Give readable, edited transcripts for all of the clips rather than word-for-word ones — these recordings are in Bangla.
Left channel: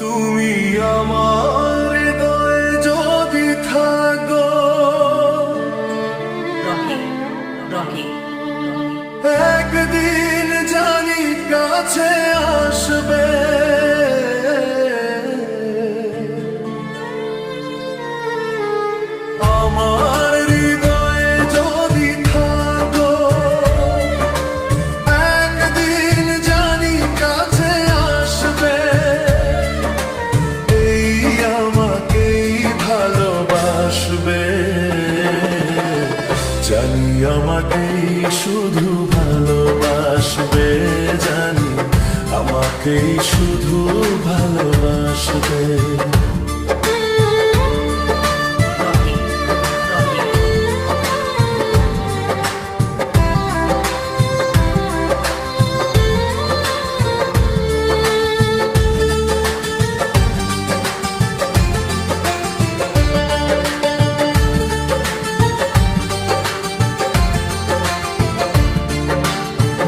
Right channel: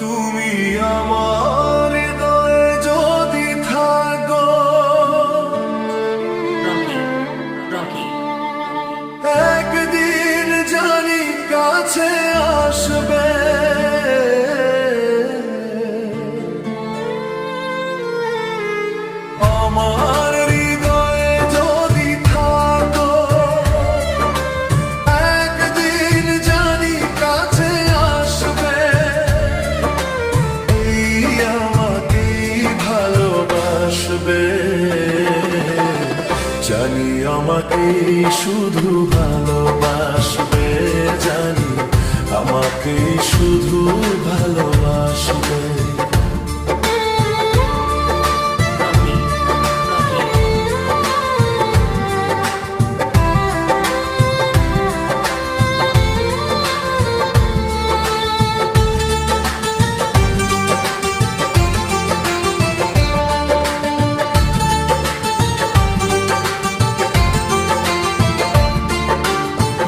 তুমি আমার হৃদয়ে যদি থাকো, রকি রকি একদিন জানি কাছে আসবে। আমার হৃদয়ে যদি থাকো, একদিন জানি কাছে আসবে। এই আমাকেই ভালোবাসবে, জানি আমাকেই শুধু ভালোবাসবে, জানি আমাকেই শুধু ভালোবাসবে। রকি রকি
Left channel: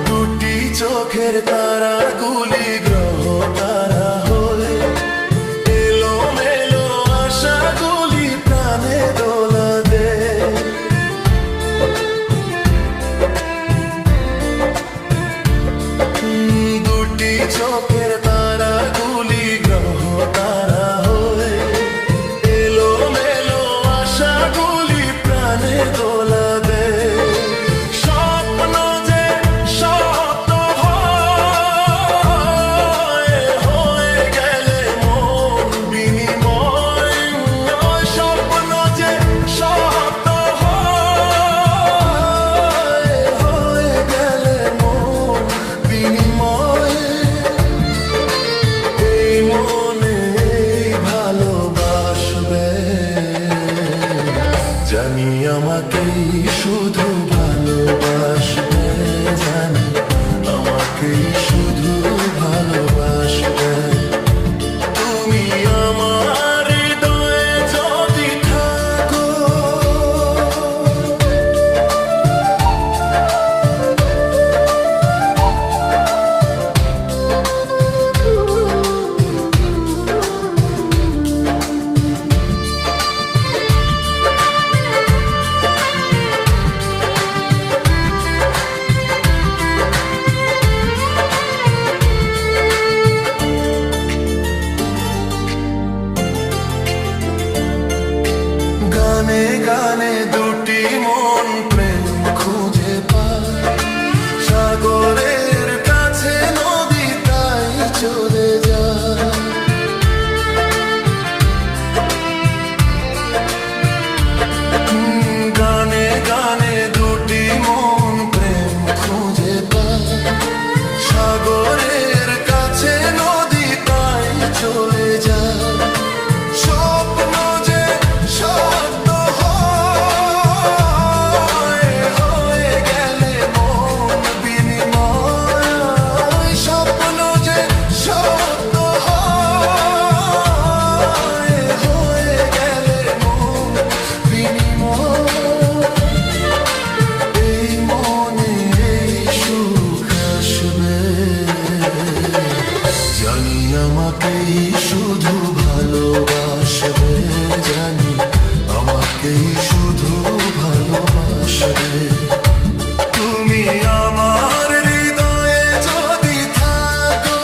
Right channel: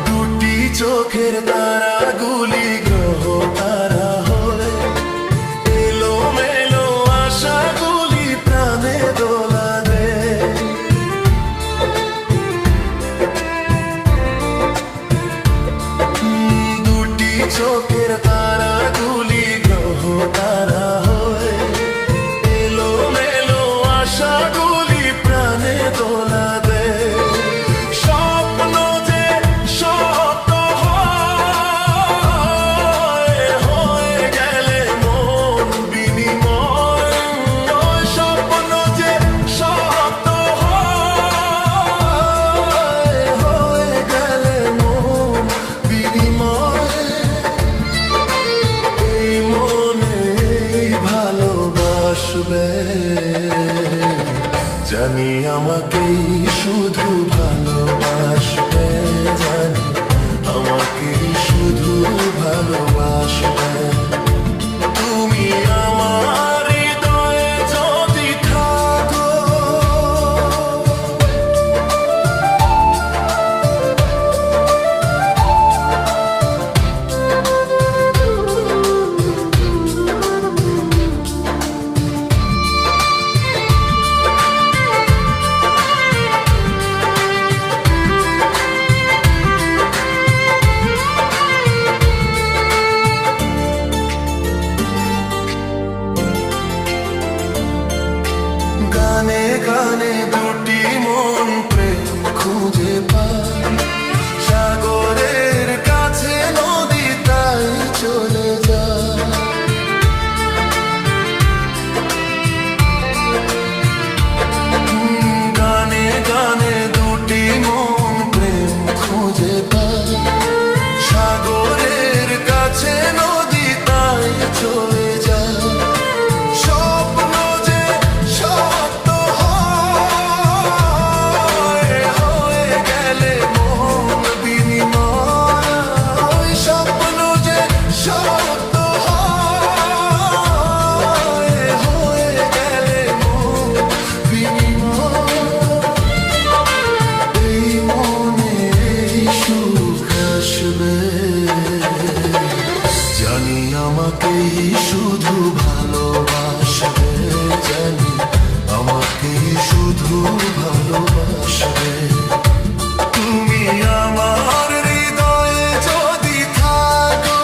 দুটি চোখের তারাগুলি গ্রহ তারা হয়ে, এলো মেলো আশাগুলি প্রাণে দোলা দে। দুটি চোখের তারাগুলি গ্রহ তারা হয়ে, এলো মেলো আশাগুলি প্রাণে দোলা দে। স্বপ্ন যে সত্য হয়, হয়ে গেলে মন বিনিময়। ওই স্বপ্ন যে সত্য হয়, হয়ে গেলে মন বিনিময়। এই মনে ভালোবাসবে, জানি আমাকেই শুধু ভালোবাসবে, জানি আমাকেই শুধু ভালোবাসবে। তুমি আমার হৃদয়ে যদি থাকো, গানে গানে দুটি মন প্রেম খুঁজে পায়। সাগরের কাছে নদী তাই চলে যায়। গানে গানে দুটি মন প্রেম খুঁজে পায়। সাগরের কাছে নদী তাই চলে যায়। স্বপ্ন যে সত্য হয়, হয়ে গেলে মন বিনিময়। স্বপ্ন যে সত্য হয়, হয়ে গেলে মন বিনিময়। এই মনে এই সুখ আসবে, জানি আমাকেই শুধু ভালোবাসবে, জানি আমাকেই শুধু ভালোবাসবে। তুমি আমার হৃদয়ে যদি থাকো,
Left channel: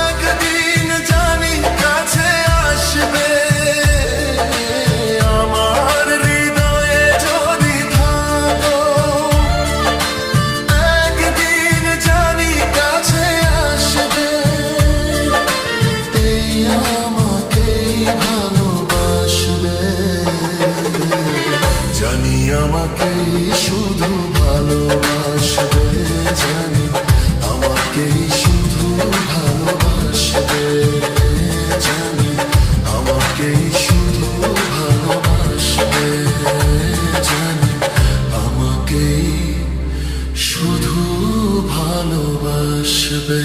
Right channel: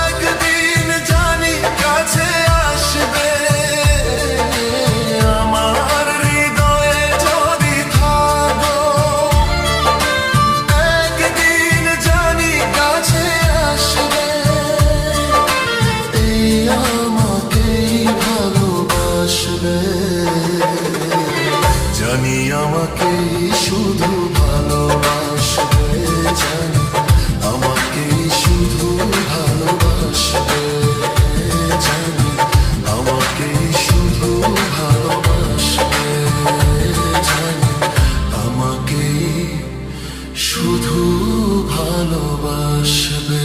একদিন জানি কাছে আসবে। আমার হৃদয়ে যদি থাকো, একদিন জানি কাছে আসবে। এই আমাকেই ভালোবাসবে, জানি আমাকেই শুধু ভালোবাসবে, জানি আমাকেই শুধু ভালোবাসবে, জানি আমাকেই শুধু ভালোবাসবে, জানি আমাকেই শুধু ভালোবাসবে।